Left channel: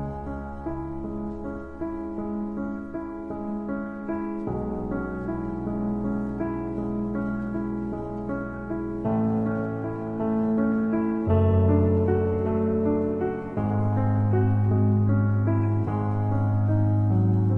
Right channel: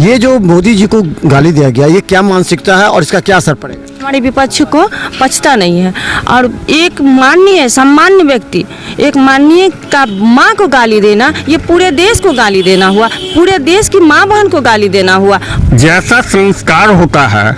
ये जो मोदी जी को गाली दिया गया, ये क्या मानसिकता है और इसका क्या असर पड़ेगा? हमारे विपक्ष को पछता नहीं है। और एक माननीय सामान्य व्यक्ति, एक माननीय का माँ को गाली देना, ये पूरे देश को गाली देना हुआ, पूरे देश की माँ बहन को गाली देना हुआ। जैसा संस्कार होता है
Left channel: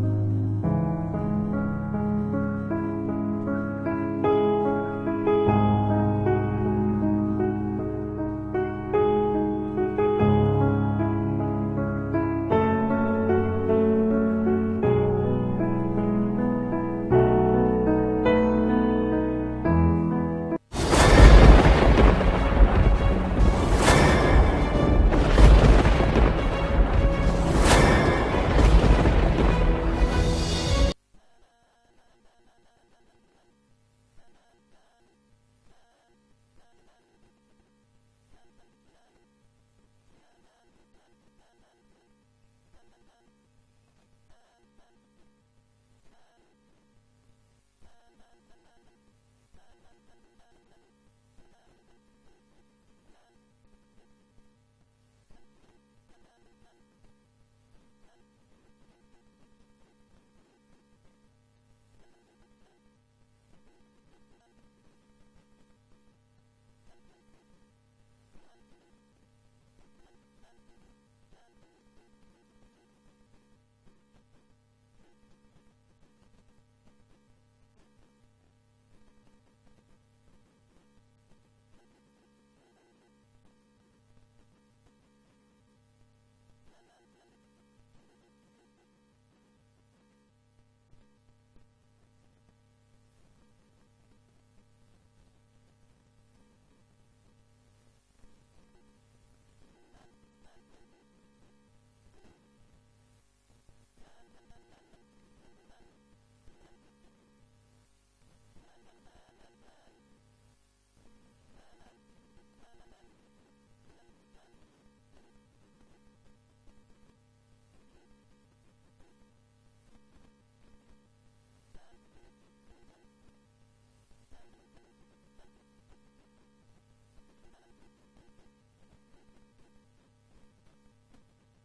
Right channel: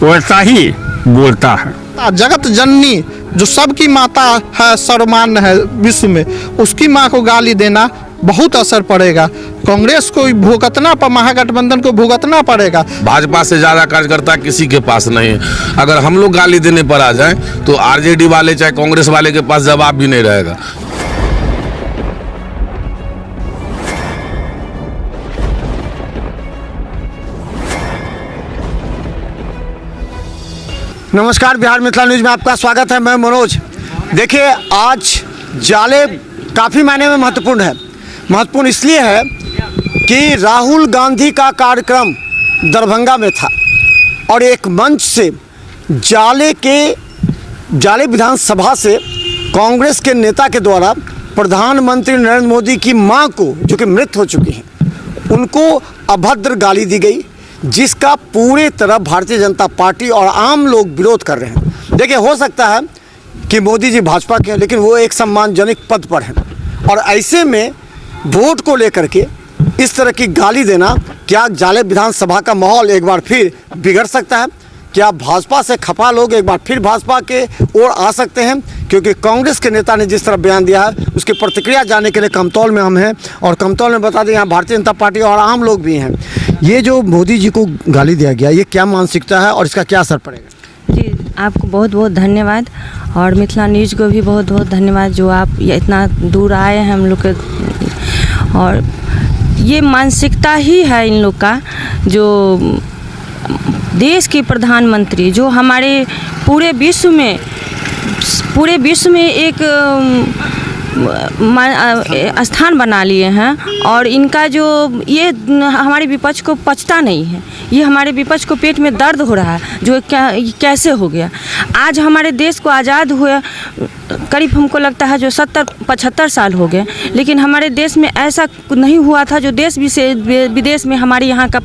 वैसा ही बोलता है। जगत जननी जो सबकी माता है, सर्वमान्य है विश्व में, उसकी माँ को गाली देना बहुत असर पड़ेगा। कांग्रेस को भुगतना, महागठबंधन को भुगतना पड़ेगा। भाजपा से ज़्यादा कार्यकर्ता किसी के पास नहीं है। अगर हम लोग गाली देने पर आ जाएं तो आरजेडी वाले चाहे कांग्रेस वाले के पास जवाब भी नहीं रहेगा। नमस्कार, बिहार मिथिला न्यूज में आपका स्वागत है। मैं मनोज। देखिए, आज जाले काफ़ी मायने में महत्वपूर्ण है। महत्वपूर्ण इसलिए है कि राहुल गांधी का कार्यक्रम दरभंगा में था और एक मंच से जाले विधानसभा से कांग्रेस के नेता के द्वारा प्रधानमंत्री नरेंद्र मोदी की मां को, जो कि मृत हो चुकी हैं, उनको अभद्र गाली दी गई, जिसका पूरे तरह भारतीय जनता पार्टी और आम लोग विरोध कर रहे हैं। देखिए, हो सकता है कि मोदी जी भाजपा के हैं, लेकिन वो एक सम्मानजनक पद पर हैं और ऐसे में वोट को लेकर के इस तरह की गाली देना, क्या जाले विधानसभा का माहौल एक बार फिर बिगड़ सकता है? क्या भाजपा से खफा लोग एक बार फिर भाजपा के ओर आ सकते हैं? क्योंकि कांग्रेस के नेता ने जिस तरह बयान दिया है, उसकी प्रतिक्रिया जानने के लिए कमतौल में हम हैं और कमतौल में बता दें, यहाँ भारतीय जनता पार्टी और आम लोग भी हैं। ये जो मोदी जी को गाली दिया गया, ये क्या मानसिकता है और इसका क्या असर पड़ेगा? जी, आपको बहुत बहुत धन्यवाद और मिथिला न्यूज को भी बहुत बहुत धन्यवाद, जो आप ये इतना दूर आए हैं हम लोग के। और ये मानसिकता ही है इन लोग का, जो देश के प्रधानमंत्री, जो हमारे पूरे विश्व में एक स्थान बना लिए हैं और इनका जो ये हमारे विपक्ष को पचता नहीं है। ये हमारे विपक्ष को पेट में दर्द हो रहा है, जो कैसे हो गया। आज हमारे देश को आज़ाद हुए करीब हमको लगता है जो 70-75 साल हो गए, लेकिन हमारे देश में ऐसा नहीं हुआ था जो देश विदेश में हमारे यहाँ का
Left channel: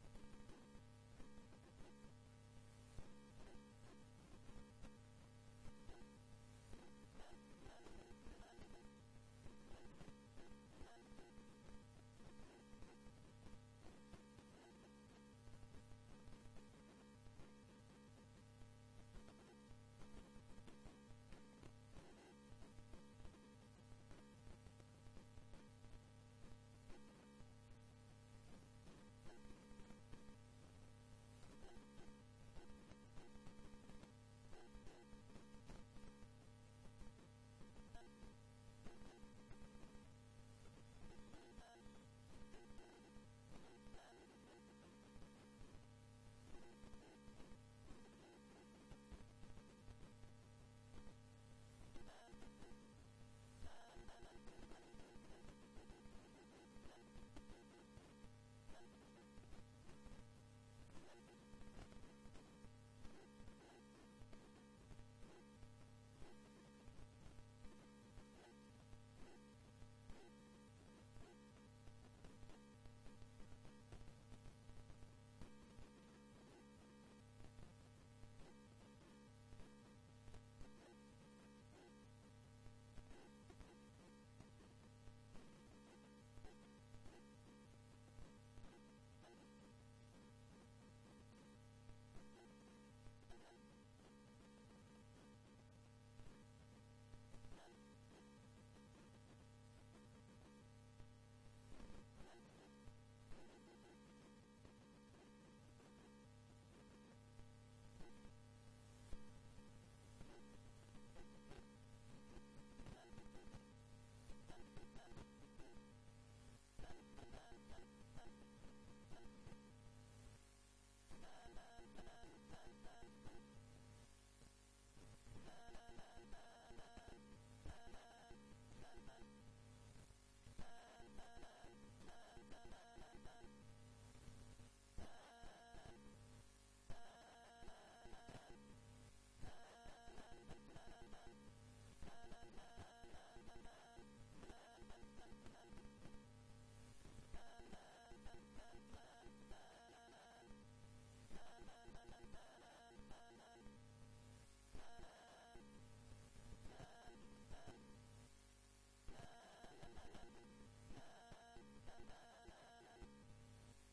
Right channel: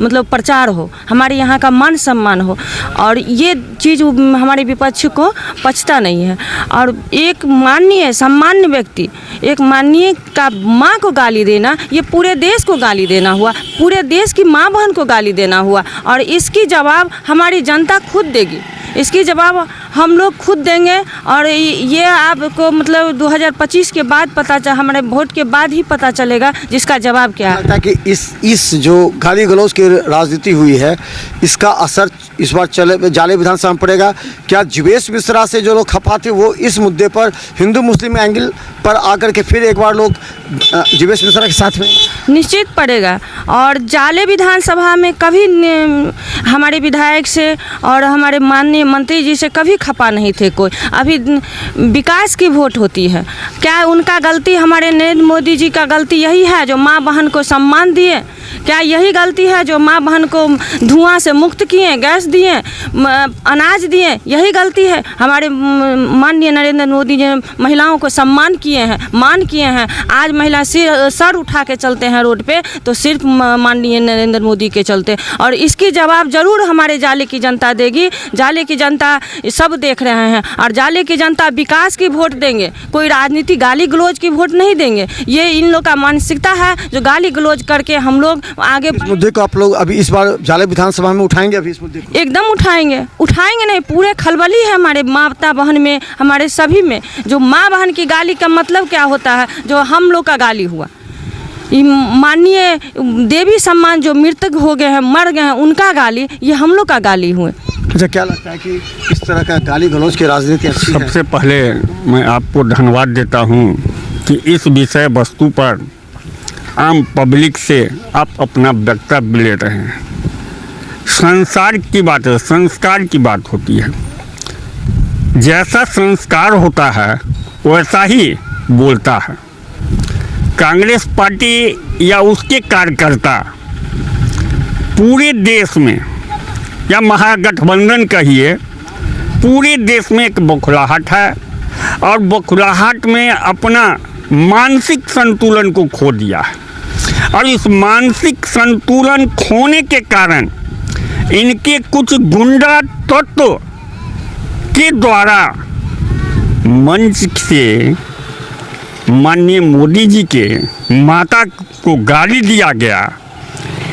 मतलब प्रचार हो, हमारे यहाँ का मान सम्मान हो। और ये चीज़ हमारे विपक्ष को पचता नहीं है। और एक माननीय सामान्य व्यक्ति, एक माननीय का माँ को गाली देना, ये पूरे देश को गाली देना हुआ, पूरे देश की माँ बहन को गाली देना हुआ। और इसकी जवाब हमारी जनता खुद देगी, इसकी जवाब हम लोग खुद देंगे। और ये आपको मतलब 2025 के बाद हमारे वोट के बाद ही पता चलेगा जिसका जवाब क्या है। लगता है कि इस जो गाली गलौज की राजनीति हुई है, इसका असर इस बार जाले विधानसभा में पड़ेगा। क्या जीवेश मिश्रा से जो लोग खफा थे, वो इस मुद्दे पर हिंदू मुस्लिम एंगल पर आकर के फिर एक बार लोग जीवेश मिश्रा के साथ में? निश्चित पड़ेगा। और जाले विधानसभा में कभी हमारे विधायक से और हमारे माननीय मंत्री जी से कभी खपा नहीं थे कोई। अभी विकास की वोट होती है। क्या उनका गलती, हमारे नरेंद्र मोदी जी का गलती यही है जो माँ बहन को सम्मान दिए? क्या यही गलती है जो माँ बहन को धुआं से मुक्त किए, गैस दिए, अनाज दिए? यही गलती है? हमारे माननीय नरेंद्र मोदी जी महिलाओं को सम्मान किए हैं, मान किए हैं। आज महिला सर उठा के चलते हैं रोड पे, तो सिर्फ माननीय नरेंद्र मोदी के चलते। और इसकी जवाब जरूर हमारे जाले की जनता देगी। जाले की जनता सब देख रहे हैं और जाले की जनता विकास की वोट देंगे, कोई राजनीति गाली गलौज की वोट नहीं देंगे। ये इन लोग का मानसिकता है जो गाली गलौज करके हम लोग आगे। इस मुद्दे को आप लोग अभी इस बार जाले विधानसभा में उठाएंगे? अभी इस मुद्दे को एकदम उठाएंगे नहीं, पूरे खलबली है हमारे माता बहन में, हमारे सभी में। जो माँ बहन की गाली का मतलब क्या होता है, जो हम लोग का गाली हुआ, माननीय देवी सम्मान जो मृतक हो गए हैं, मर गए हैं, उनका गाली, ये हम लोग का गाली हुए। अच्छा, क्या लगता है कि इस तरह का गाली गलौज की राजनीति अच्छी है? सबसे पहले मैं आपको धन्यवाद देता हूं कि इस विषय वस्तु पर आम पब्लिक से आप अपना वक्तव्य ले रहे हैं। संसार की बात है, संस्कार की बात होती है। जैसा संस्कार होता है वैसा ही बोलता है। कांग्रेस पार्टी या उसके कार्यकर्ता पूरे देश में, या महागठबंधन कहिए, पूरे देश में एक बौखलाहट है और बौखलाहट में अपना मानसिक संतुलन को खो दिया है। और इस मानसिक संतुलन खोने के कारण इनके कुछ गुंडा तत्व के द्वारा मंच से माननीय मोदी जी के माता को गाली दिया गया,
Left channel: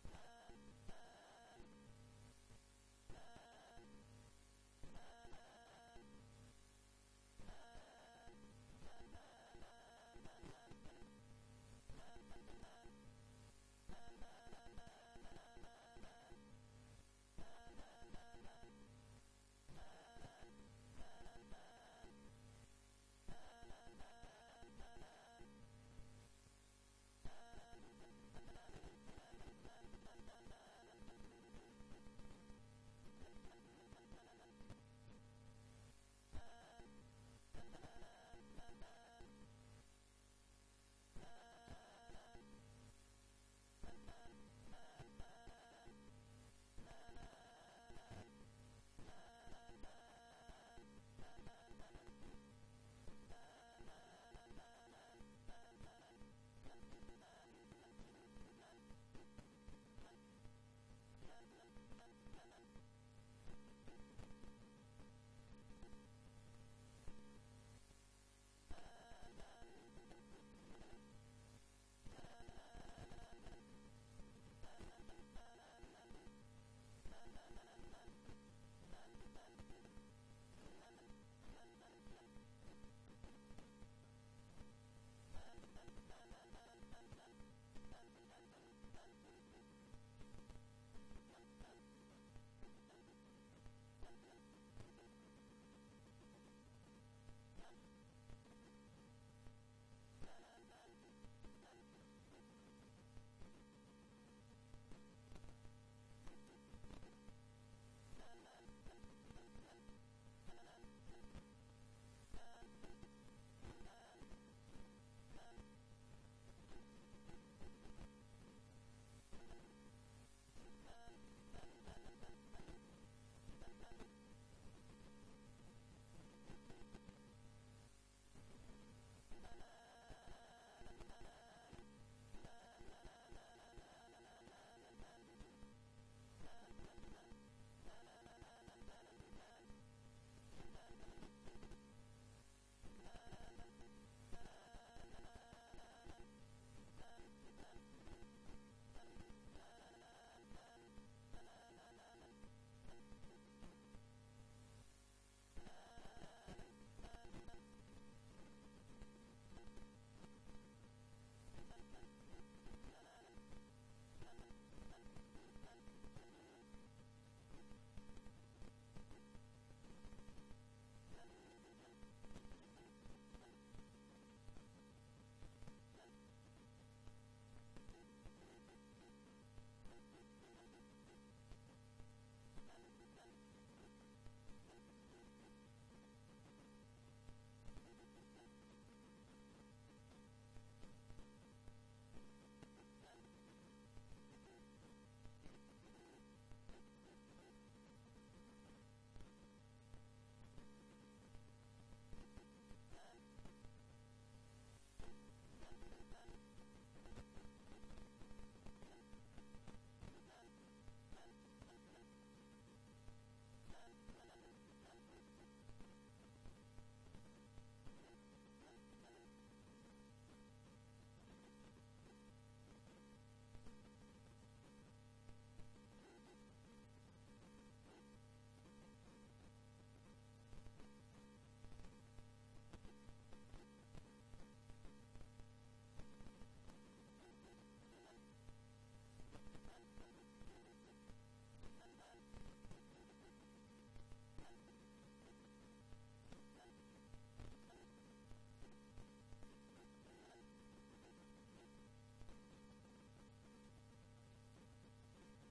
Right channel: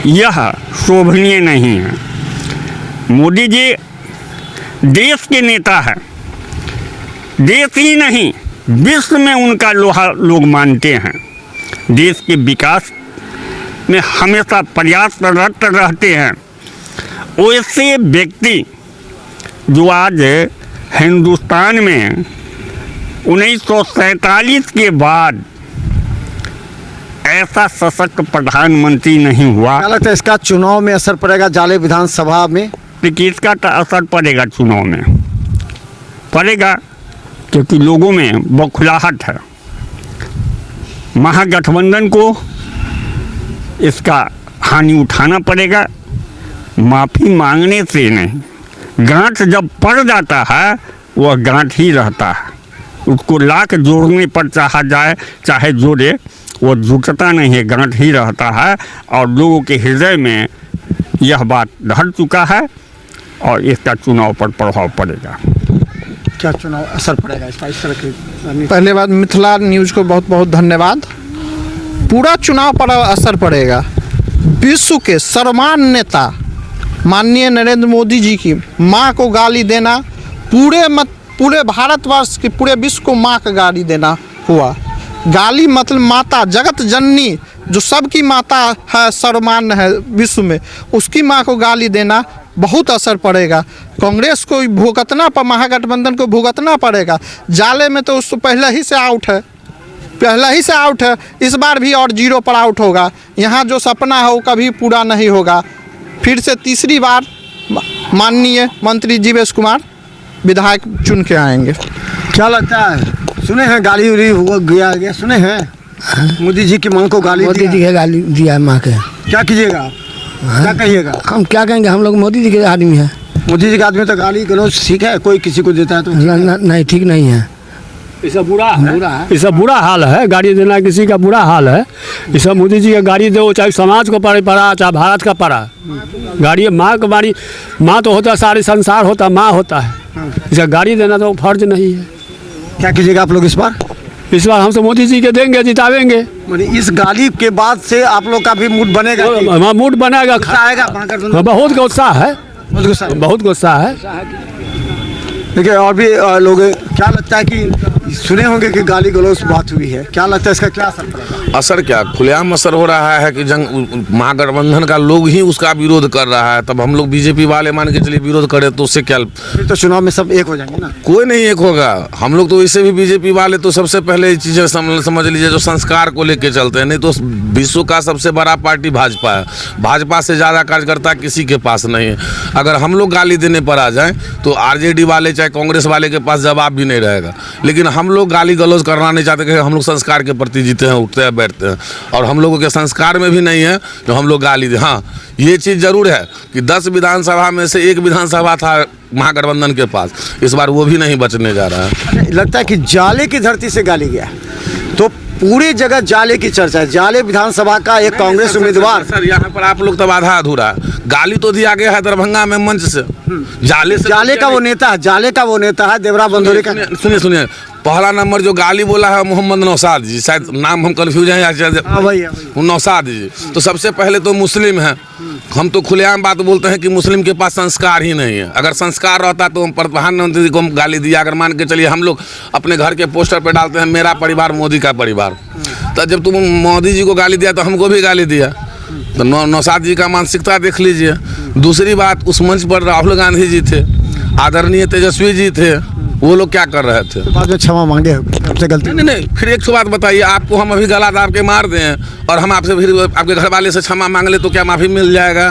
यह शोभनीय नहीं है। मोदी जी देश के नेता है, देश ही नहीं विश्व में उनका लोहा लोग मानते हैं। देश के विकास में हमेशा प्रयासरत रहते हैं। वैसे व्यक्ति जो आज हिंदुस्तान में 1947 के बाद ऐसा सशक्त प्रधानमंत्री नहीं हुआ। क्या लगता है इसका चुनाव में असर पड़ेगा? जाले विधानसभा में कि इसका असर पड़ेगा, चुनाव में पड़ेगा, क्योंकि लोगों में बौखलाहट है। महागठबंधन को इसका हानि उठाना पड़ेगा। माफ़ी मांगने से नहीं, गांठ जब पड़ जाता है वह गांठ ही रहता है। उसको लाख जोड़ने पर चाहा जाए चाहे जोड़े, वो जुटता नहीं है, गांठ ही रहता है। और लोगों के हृदय में यह बात ढल चुका है और इसका चुनाव पर प्रभाव पड़ेगा। क्या चुनाव असर पड़ेगा इसका? इस तरह की पहले बात, मिथिला न्यूज़ को बहुत बहुत धन्यवाद। पूरा चुनाव पर असर पड़ेगा। विश्व के सर्वमान्य नेता माननीय नरेंद्र मोदी जी की माँ को गाली देना, पूरे भारतवर्ष के पूरे विश्व को माँ का गाली देना हुआ। गाली मतलब माता, जगत जननी, जो सबकी माता है, सर्वमान्य है विश्व में, उसकी माँ को गाली देना बहुत असर पड़ेगा। कांग्रेस को भुगतना पर, महागठबंधन को भुगतना पड़ेगा। जाले में तो उसको पहले ही से आउट है, इस बार भी और 0 पर आउट होगा। यहाँ जो सपना है वो कभी पूरा नहीं होगा। फिर से तीसरी बार माननीय मंत्री जीवेश कुमार विधायक चुन के आएंगे। क्या लगता है? सुने हैं गाली उली हुआ गया, सुने हैं मोदी जी की माँ को गाली मोदी जी के गाली दिया माँ के। क्या कीजिएगा आप? क्या कहिएगा? हम क्या कहेंगे, हम लोग मोदी जी के आदमी हैं। मोदी जी के आदमी तो गाली गलौज ठीक है, कोई किसी को देता है तो नहीं, ठीक नहीं है। इसका बुरा हाल है। गाड़ी देना किसी का बुरा हाल है। इस मोदी जी का गाड़ी दो, चाहे समाज को पड़ा चाहे भारत का पड़ा। गाड़ी माँ का गाड़ी, माँ तो होता सारे संसार होता, माँ होता है। इसका गाड़ी देना तो फर्ज नहीं है। क्या कीजिएगा आप लोग इस बार? इस बार हम तो मोदी जी के देंगे, जितावेंगे। इस गाली के बाद से आप लोग का भी मूड बनेगा? मूड बनेगा, आएगा बहुत गुस्सा है, बहुत गुस्सा है। देखिए और भी लोग, क्या लगता है कि सुने होंगे कि गाली गलौज बात हुई है, क्या लगता है इसका क्या असर पड़ेगा? असर क्या, खुलेआम असर हो रहा है कि महागठबंधन का लोग ही उसका विरोध कर रहा है। तब हम लोग बीजेपी वाले मान के चलिए विरोध करें तो उससे क्या? फिर तो चुनाव में सब एक हो जाएंगे ना? कोई नहीं एक होगा। हम लोग तो वैसे भी बीजेपी वाले तो सबसे पहले ये चीज़ें समझ लीजिए जो संस्कार को लेके चलते हैं। नहीं तो विश्व का सबसे बड़ा पार्टी भाजपा है। भाजपा से ज़्यादा कार्यकर्ता किसी के पास नहीं है। अगर हम लोग गाली देने पर आ जाएं तो आरजेडी वाले चाहे कांग्रेस वाले के पास जवाब भी नहीं रहेगा। लेकिन हम लोग गाली गलौज करना नहीं चाहते कि हम लोग संस्कार के प्रति जीते हैं, उठते हैं, बैठते हैं। और हम लोगों के संस्कार में भी नहीं है जो हम लोग गाली दें। हाँ, ये चीज़ जरूर है कि 10 विधानसभा में से 1 विधानसभा था महागठबंधन के पास, इस बार वो भी नहीं बचने जा रहा है। लगता है कि जाले की धरती से गाली गया तो पूरी जगह जाले की चर्चा है। जाले विधानसभा का एक कांग्रेस उम्मीदवार, सर यहाँ पर आप लोग तब आधा अधूरा, गाली तो दिया गया है दरभंगा में मंच से। जाले का वो नेता है देवरा बंदोरी का। सुनिए, पहला नंबर जो गाली बोला है मोहम्मद नौशाद जी, शायद नाम हम कंफ्यूज हैं, नौशाद जी। तो सबसे पहले तो मुस्लिम है। हम तो खुलेआम बात बोलते हैं कि मुस्लिम के पास संस्कार ही नहीं है। अगर संस्कार रहता तो हम प्रधानमंत्री जी को हम गाली दिया। अगर मान के चलिए हम लोग अपने घर के पोस्टर पे डालते हैं मेरा परिवार मोदी का परिवार, तो जब तुम मोदी जी को गाली दिया तो हमको भी गाली दिया। तो नौशाद जी का मानसिकता देख लीजिए। दूसरी बात, उस मंच पर राहुल गांधी जी थे, आदरणीय तेजस्वी जी थे, वो लोग क्या कर रहे थे? बाद में क्षमा मांगे आपसे गलती? नहीं, फिर एक बात बताइए, आपको हम अभी गला दाब के मार दें और हम आपसे फिर आपके घर वाले से क्षमा मांग ले तो क्या माफ़ी मिल जाएगा?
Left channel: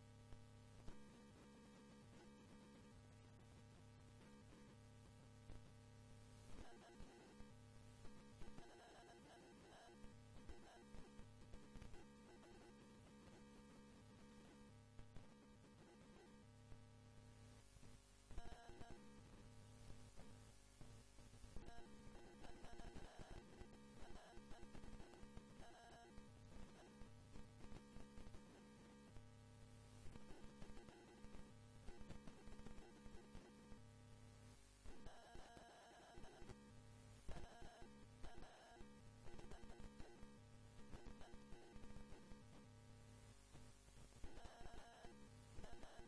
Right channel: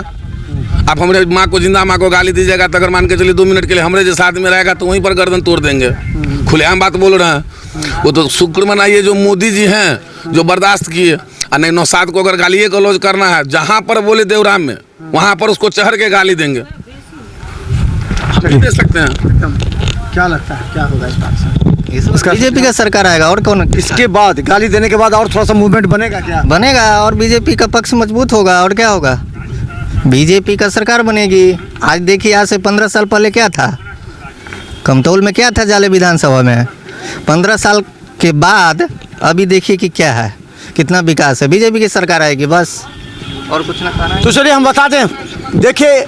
आप हमारे माँ को, जिंदा माँ को गाली दीजिएगा तो अगर मान के चलिए 2 मिनट के लिए हमारे जैसे आदमी रहेगा तो वहीं पर गर्दन तोड़ देंगे। खुलेआम बात बोल रहे हैं। वो तो शुक्र मनाइए जो मोदी जी हैं जो बर्दाश्त किए। और नहीं, नौशाद को अगर गाली गलौज करना है, जहाँ पर बोले देवराम में, वहाँ पर उसको चढ़ के गाली देंगे। हम दे सकते हैं। क्या लगता है क्या होगा इस बात से? बीजेपी का सरकार आएगा और कौन इसके बाद गाली देने के बाद और थोड़ा सा मूवमेंट बनेगा क्या? बनेगा और बीजेपी का पक्ष मजबूत होगा और क्या होगा, बीजेपी का सरकार बनेगी। आज देखिए आज से 15 साल पहले क्या था, कमतौल में क्या था जाले विधानसभा में, 15 साल के बाद अभी देखिए कि क्या है, कितना विकास है। बीजेपी की सरकार आएगी बस, और कुछ ना कहना है। तो चलिए हम बता दें, देखिए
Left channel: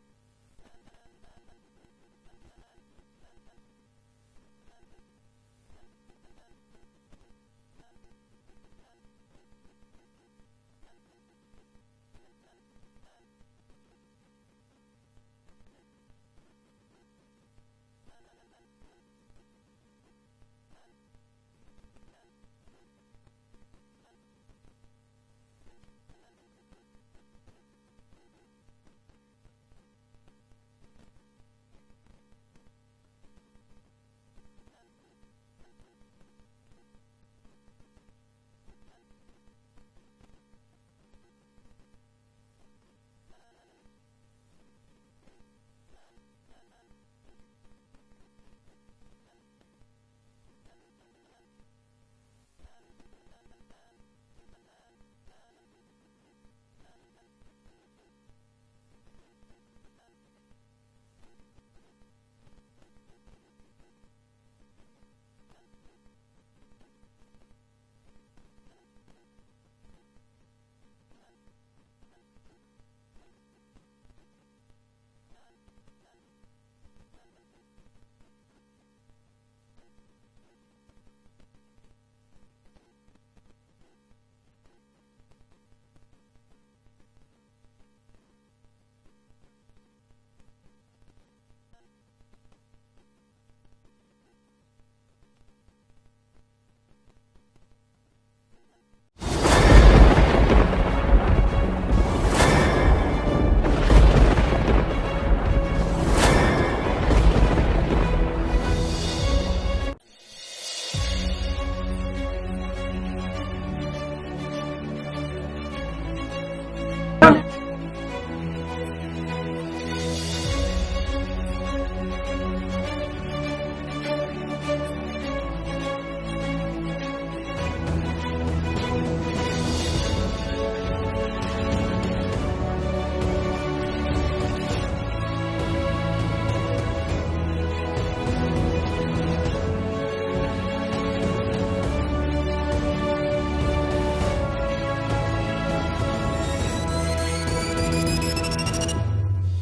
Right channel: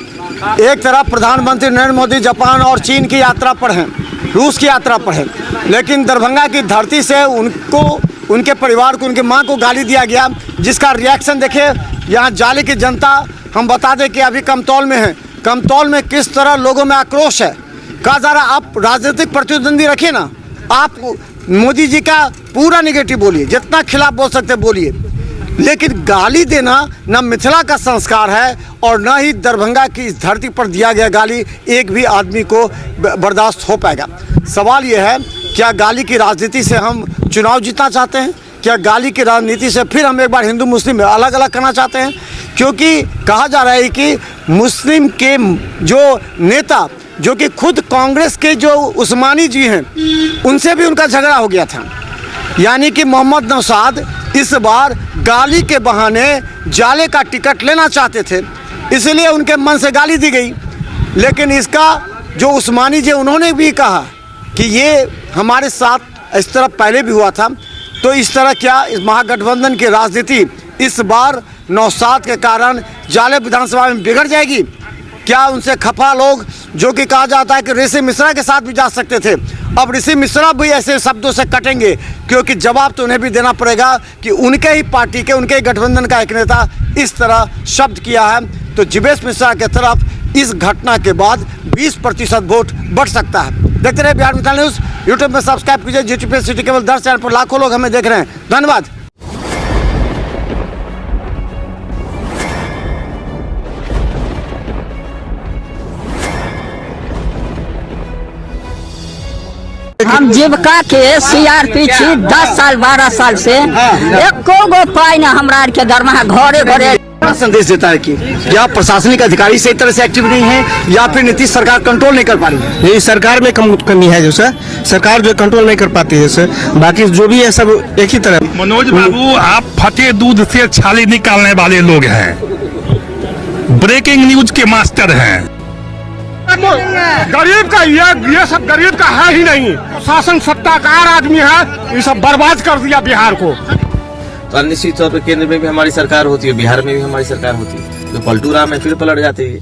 एक तरफ प्रधानमंत्री नरेंद्र मोदी जापान और चीन की यात्रा पर हैं, रूस की यात्रा पर हैं, लेकिन दरभंगा की धरती से उनको, उनके परिवार को, उनकी मां को गाली दिया गया, जिसका रिएक्शन देखिए यहाँ जाले की जनता। हम बता दें कि अभी कमतौल में है, कमतौल में किस तरह लोगों में आक्रोश है। कहा जा रहा आप राजनीतिक प्रतिद्वंदी रखिए ना, आप मोदी जी का पूरा निगेटिव बोलिए, जितना खिलाफ बोल सकते बोलिए, लेकिन गाली देना न मिथिला का संस्कार है और न ही दरभंगा की इस धरती पर दिया गया गाली एक भी आदमी को बर्दाश्त हो पाएगा। सवाल यह है, क्या गाली की राजनीति से हम चुनाव जीतना चाहते हैं? क्या गाली की राजनीति से फिर हम एक बार हिंदू मुस्लिम अलग अलग करना चाहते हैं? क्योंकि कहा जा रहा है कि मुस्लिम के जो नेता, जो कि खुद कांग्रेस के जो उस्मानी जी हैं, उनसे भी उनका झगड़ा हो गया था। यानी कि मोहम्मद नौशाद इस बार गाली के बहाने जाले का टिकट लेना चाहते थे, इसलिए उनके मन से गाली दी गई। लेकिन इसका जो उस्मानी जी, उन्होंने भी कहा कि ये हमारे साथ इस तरह पहले भी हुआ था, तो इस तरह क्या इस महागठबंधन की राजनीति इस बार नौशाद के कारण जाले विधानसभा में बिगड़ जाएगी? क्या उनसे खफा लोग, जो कि कहा जाता है कि ऋषि मिश्रा के साथ भी जा सकते थे, अब ऋषि मिश्रा भी ऐसे शब्दों से कटेंगे? क्योंकि जवाब तो उन्हें भी देना पड़ेगा कि उनके ही पार्टी के, उनके ही गठबंधन का एक नेता इस तरह शब्द किया है। तो जीवेश मिश्रा के तरफ इस घटना के बाद 20% वोट बढ़ सकता है। देखते रहे बिहार मिसाल न्यूज़। यूट्यूब में सब्सक्राइब कीजिए, YouTube पे सिटी केबल 10 चैनल पर लाखों लोग हमें देख रहे हैं। धन्यवाद। हम जीविका के CRP छी 10 साल 12 साल से, एको गो पाई ना हमरा के दरमाहा घरे घरे। संदेश देता है कि या प्रशासनिक अधिकारी सही तरह से एक्टिव नहीं है या फिर नीतीश सरकार कंट्रोल नहीं कर पा रही है? यही सरकार में कमी है, जो सर सरकार जो कंट्रोल नहीं कर पाती है सर, बाकी जो भी है सब एक ही तरह। मनोज बाबू, आप फटे दूध से छाली निकालने वाले लोग हैं, ब्रेकिंग न्यूज के मास्टर हैं। गरीब का ये सब गरीब का है ही नहीं, शासन सत्ताकार आदमी है, ये सब बर्बाद कर दिया बिहार को। तो निश्चित तौर पर केंद्र में भी हमारी सरकार होती है, बिहार में भी हमारी सरकार होती है, तो पलटू राम में फिर पलट जाते हैं।